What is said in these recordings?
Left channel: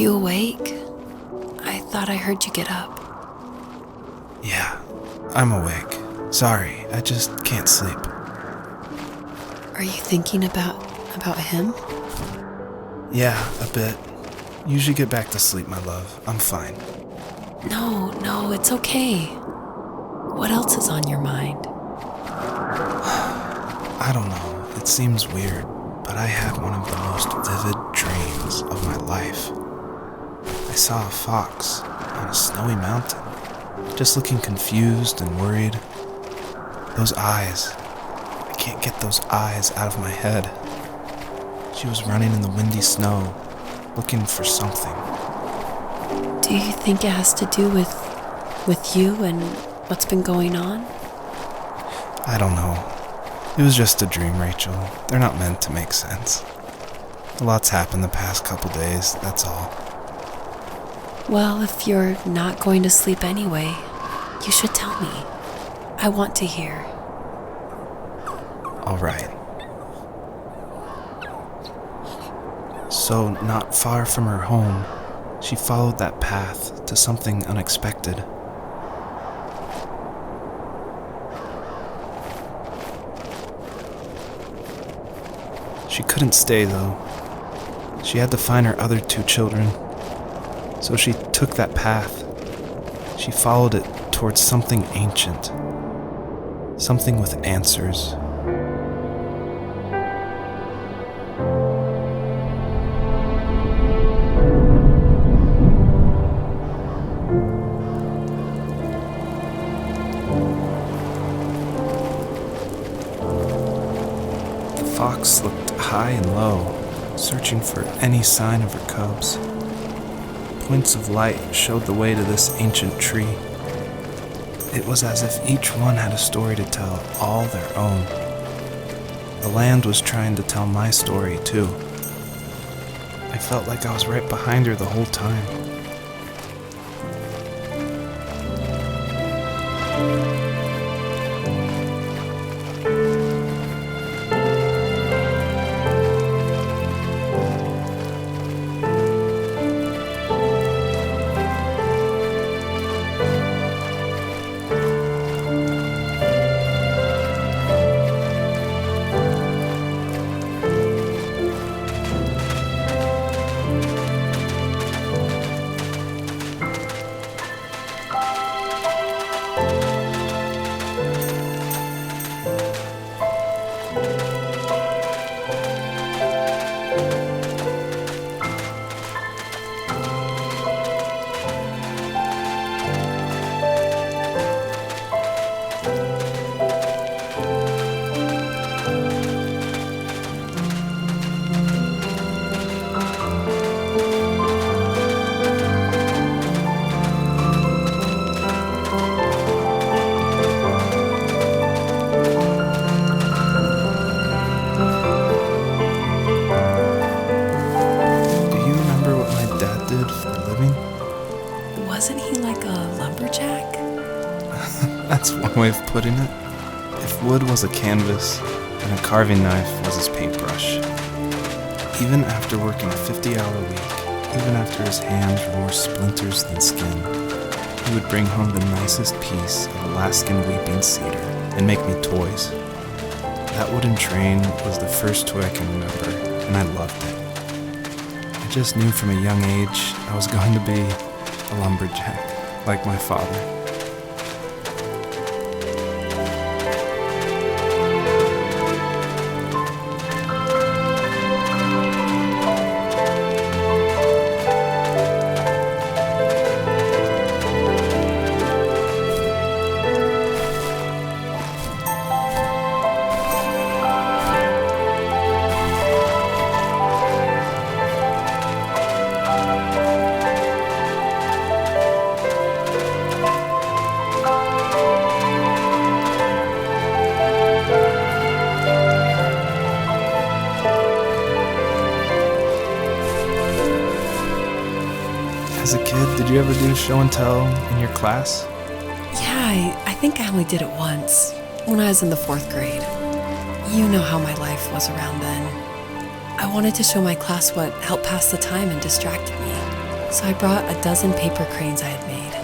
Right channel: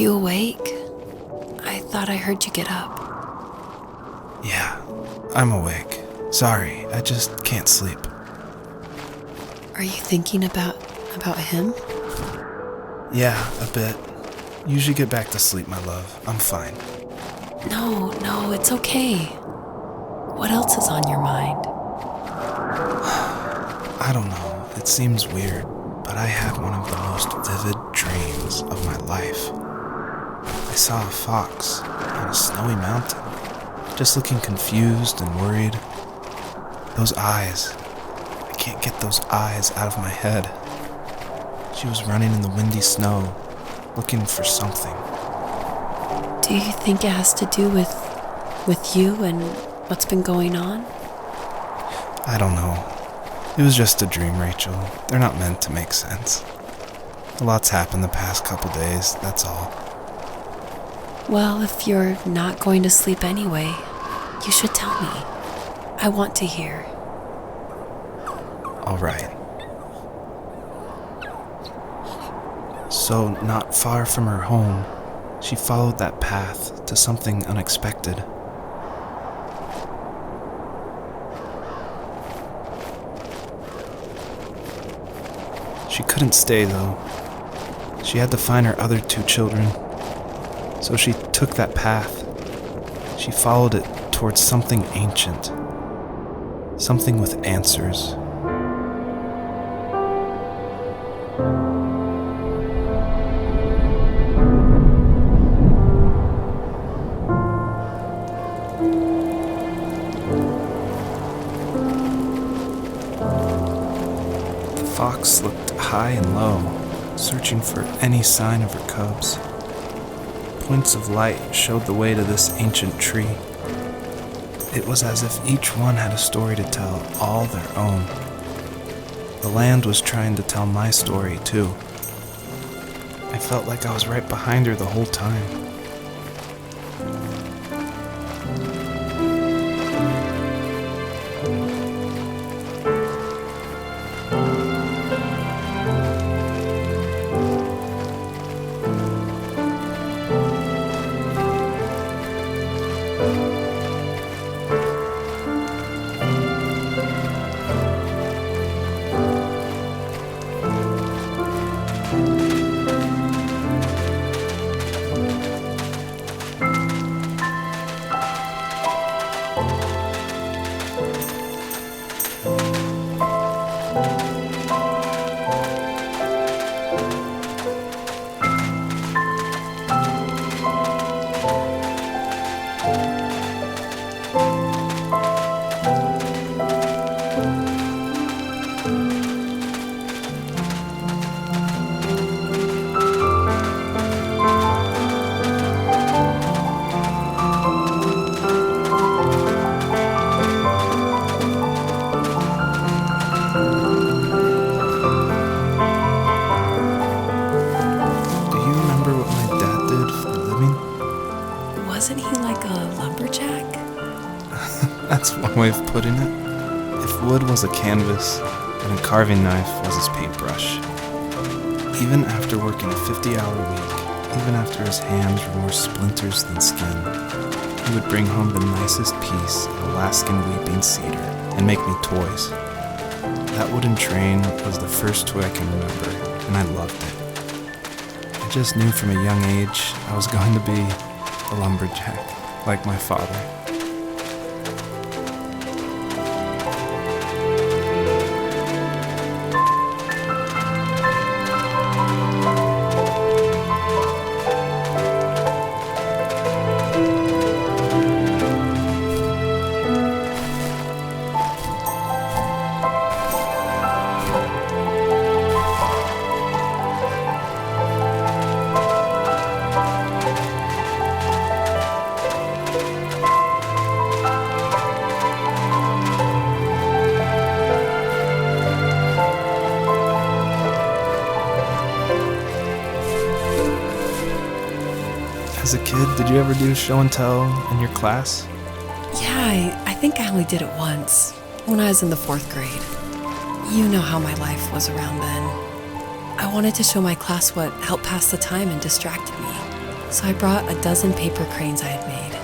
you awake? I thought I heard you get up. Yeah, I'm awake. Sorry, I just can't sleep. Are you thinking about him? Yeah, a bit. Usually get back to sleep, my love. I'm fine. No, it's okay. What else is on your mind? I don't know. It seems weird, but I had one of the most vivid dreams of my life. I saw a fox on a snowy mountain, just looking confused and worried. Those eyes. I can't get those eyes out of my head. She was running in the windy snow, looking for something. Do you think it has to do with you and what's been going on? I don't know. It was just a dream, Rachel. They're not meant to make sense. A lot's happened the past couple days, that's all. Well, if you're not going to sleep anyway, you should tell me. I want to hear. All right. So, not far from her home, she followed that path to something unexpected. She couldn't stay, though. She had to find her other 2 children. So she took that path. She followed it towards something ancient. Something with answers. The fox looked high and low, searching for any sign of her cubs. Points of light showed the way to this ancient tree. It was as if each one had a story to tell, all their own. The land was trying to tell my story, too. I felt like I was right behind her the whole time. Wasn't he like a lumberjack? That's one way of putting it. If wood was a canvas, and a carving knife was his paintbrush. Even after working a 50-hour week, even after his hands were more splinters than skin, he would bring home the nicest piece of Alaskan weeping cedar and make me toys. That wooden train was the first toy I can remember, and I loved it. I just knew from a young age I was going to be a lumberjack, like my father. As a kid, did you ever do show and tell in your class? Yeah, I think I only did it once, when I was in the 4th grade. You know how my life was around then. I wanted to show my class what helped pass the time and distracted me. So I brought a dozen paper cranes I had made.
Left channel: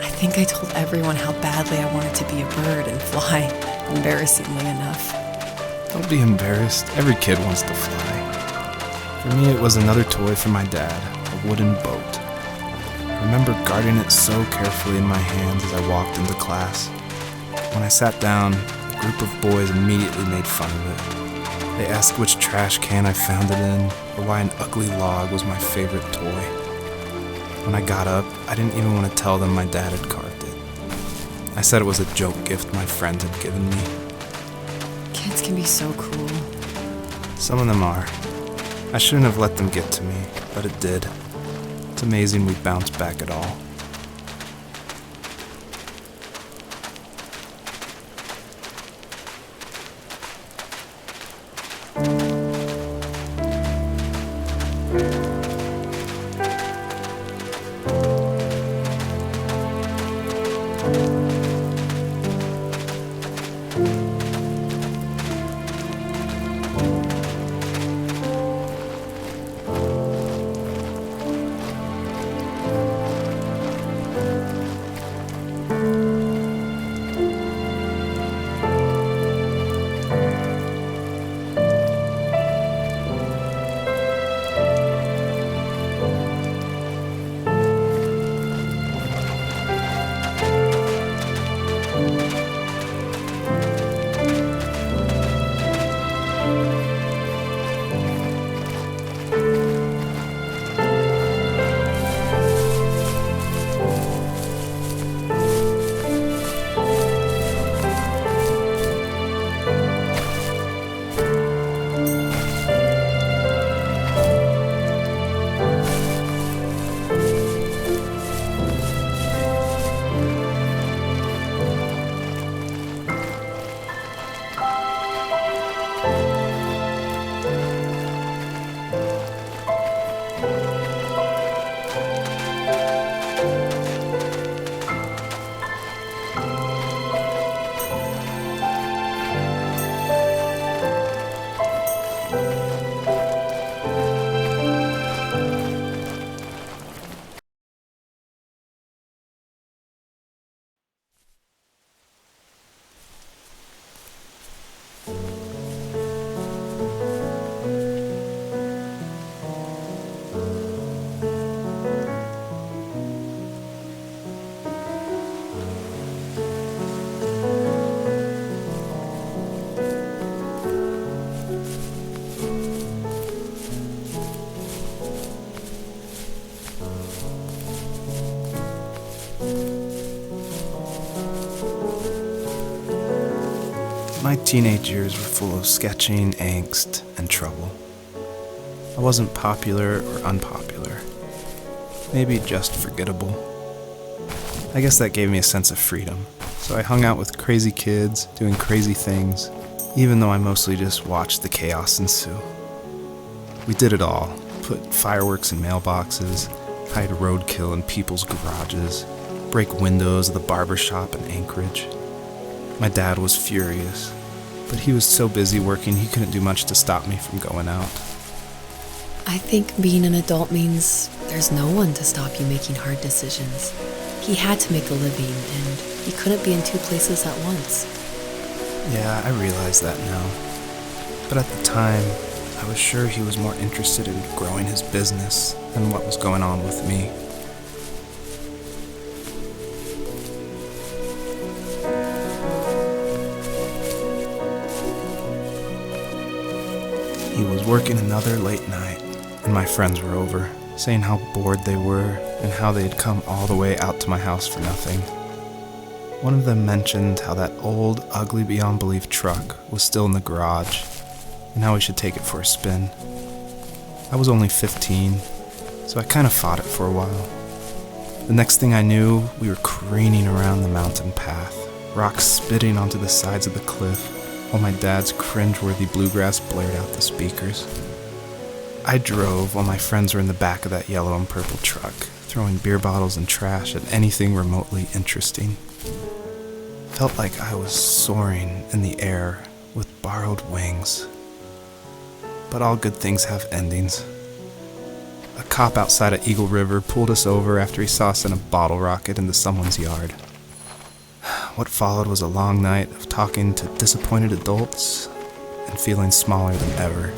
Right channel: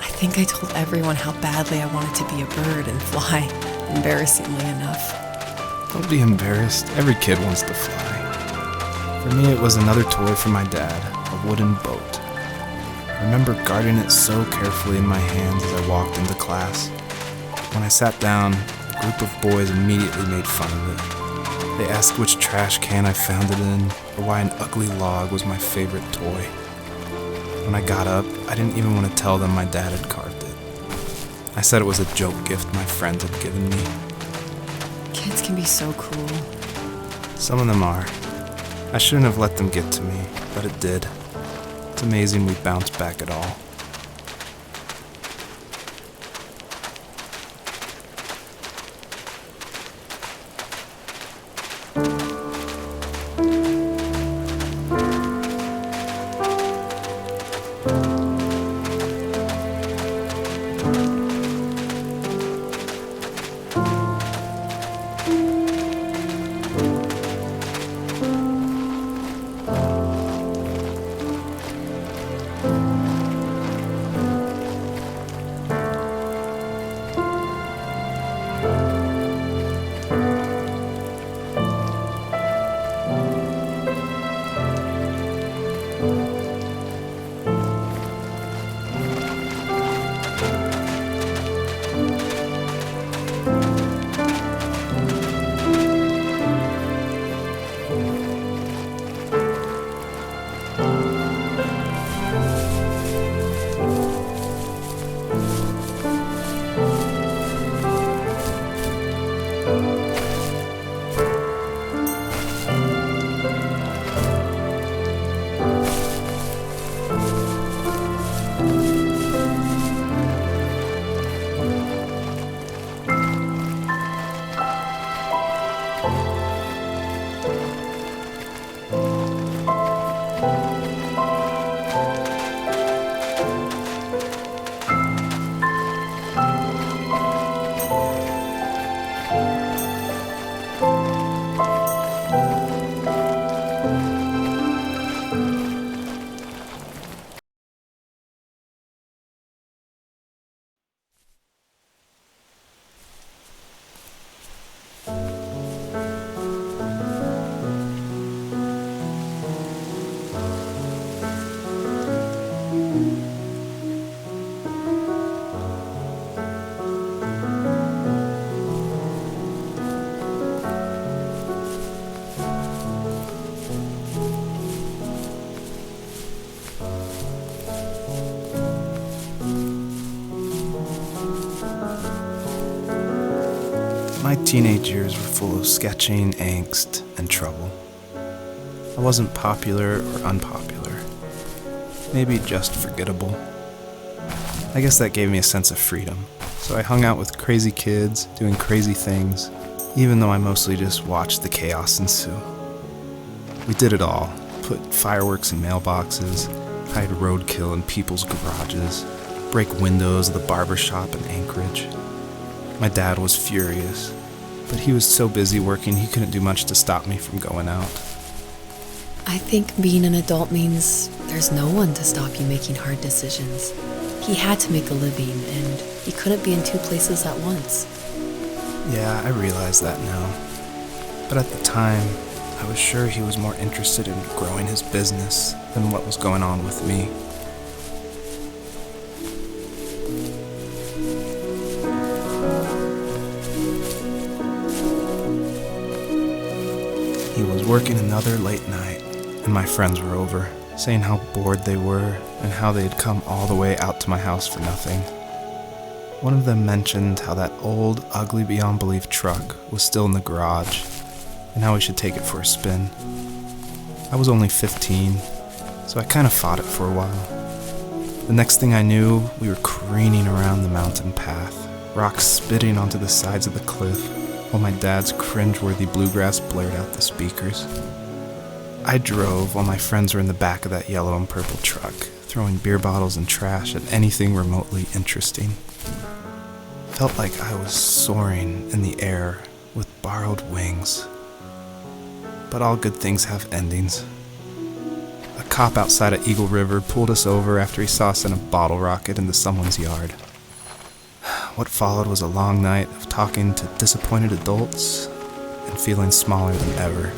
I think I told everyone how badly I wanted to be a bird and fly, embarrassingly enough. Don't be embarrassed. Every kid wants to fly. For me, it was another toy from my dad, a wooden boat. I remember guarding it so carefully in my hands as I walked into class. When I sat down, a group of boys immediately made fun of it. They asked which trash can I found it in, or why an ugly log was my favorite toy. When I got up, I didn't even want to tell them my dad had carved it. I said it was a joke gift my friends had given me. Kids can be so cruel. Some of them are. I shouldn't have let them get to me, but it did. It's amazing we bounced back at all. My teenage years were full of sketching, angst, and trouble. I wasn't popular or unpopular. Maybe just forgettable. I guess that gave me a sense of freedom. So I hung out with crazy kids, doing crazy things, even though I mostly just watched the chaos ensue. We did it all. Put fireworks in mailboxes, hide roadkill in people's garages, break windows of the barber shop in Anchorage. My dad was furious, but he was so busy working he couldn't do much to stop me from going out. I think being an adult means there's no one to stop you making hard decisions. He had to make a living, and he couldn't be in two places at once. Yeah, I realize that now. But at the time, I was sure he was more interested in growing his business than what was going on with me. He was working another late night, and my friends were over, saying how bored they were and how they had come all the way out to my house for nothing. One of them mentioned how that old, ugly beyond belief truck was still in the garage, and how we should take it for a spin. I was only 15, so I kind of fought it for a while. The next thing I knew, we were careening around the mountain path, rocks spitting onto the sides of the cliff, while my dad's cringeworthy bluegrass blared out the speakers. I drove while my friends were in the back of that yellow and purple truck, throwing beer bottles and trash at anything remotely interesting. Felt like I was soaring in the air with borrowed wings. But all good things have endings. A cop outside of Eagle River pulled us over after he saw us send a bottle rocket into someone's yard. What followed was a long night of talking to disappointed adults and feeling smaller than ever.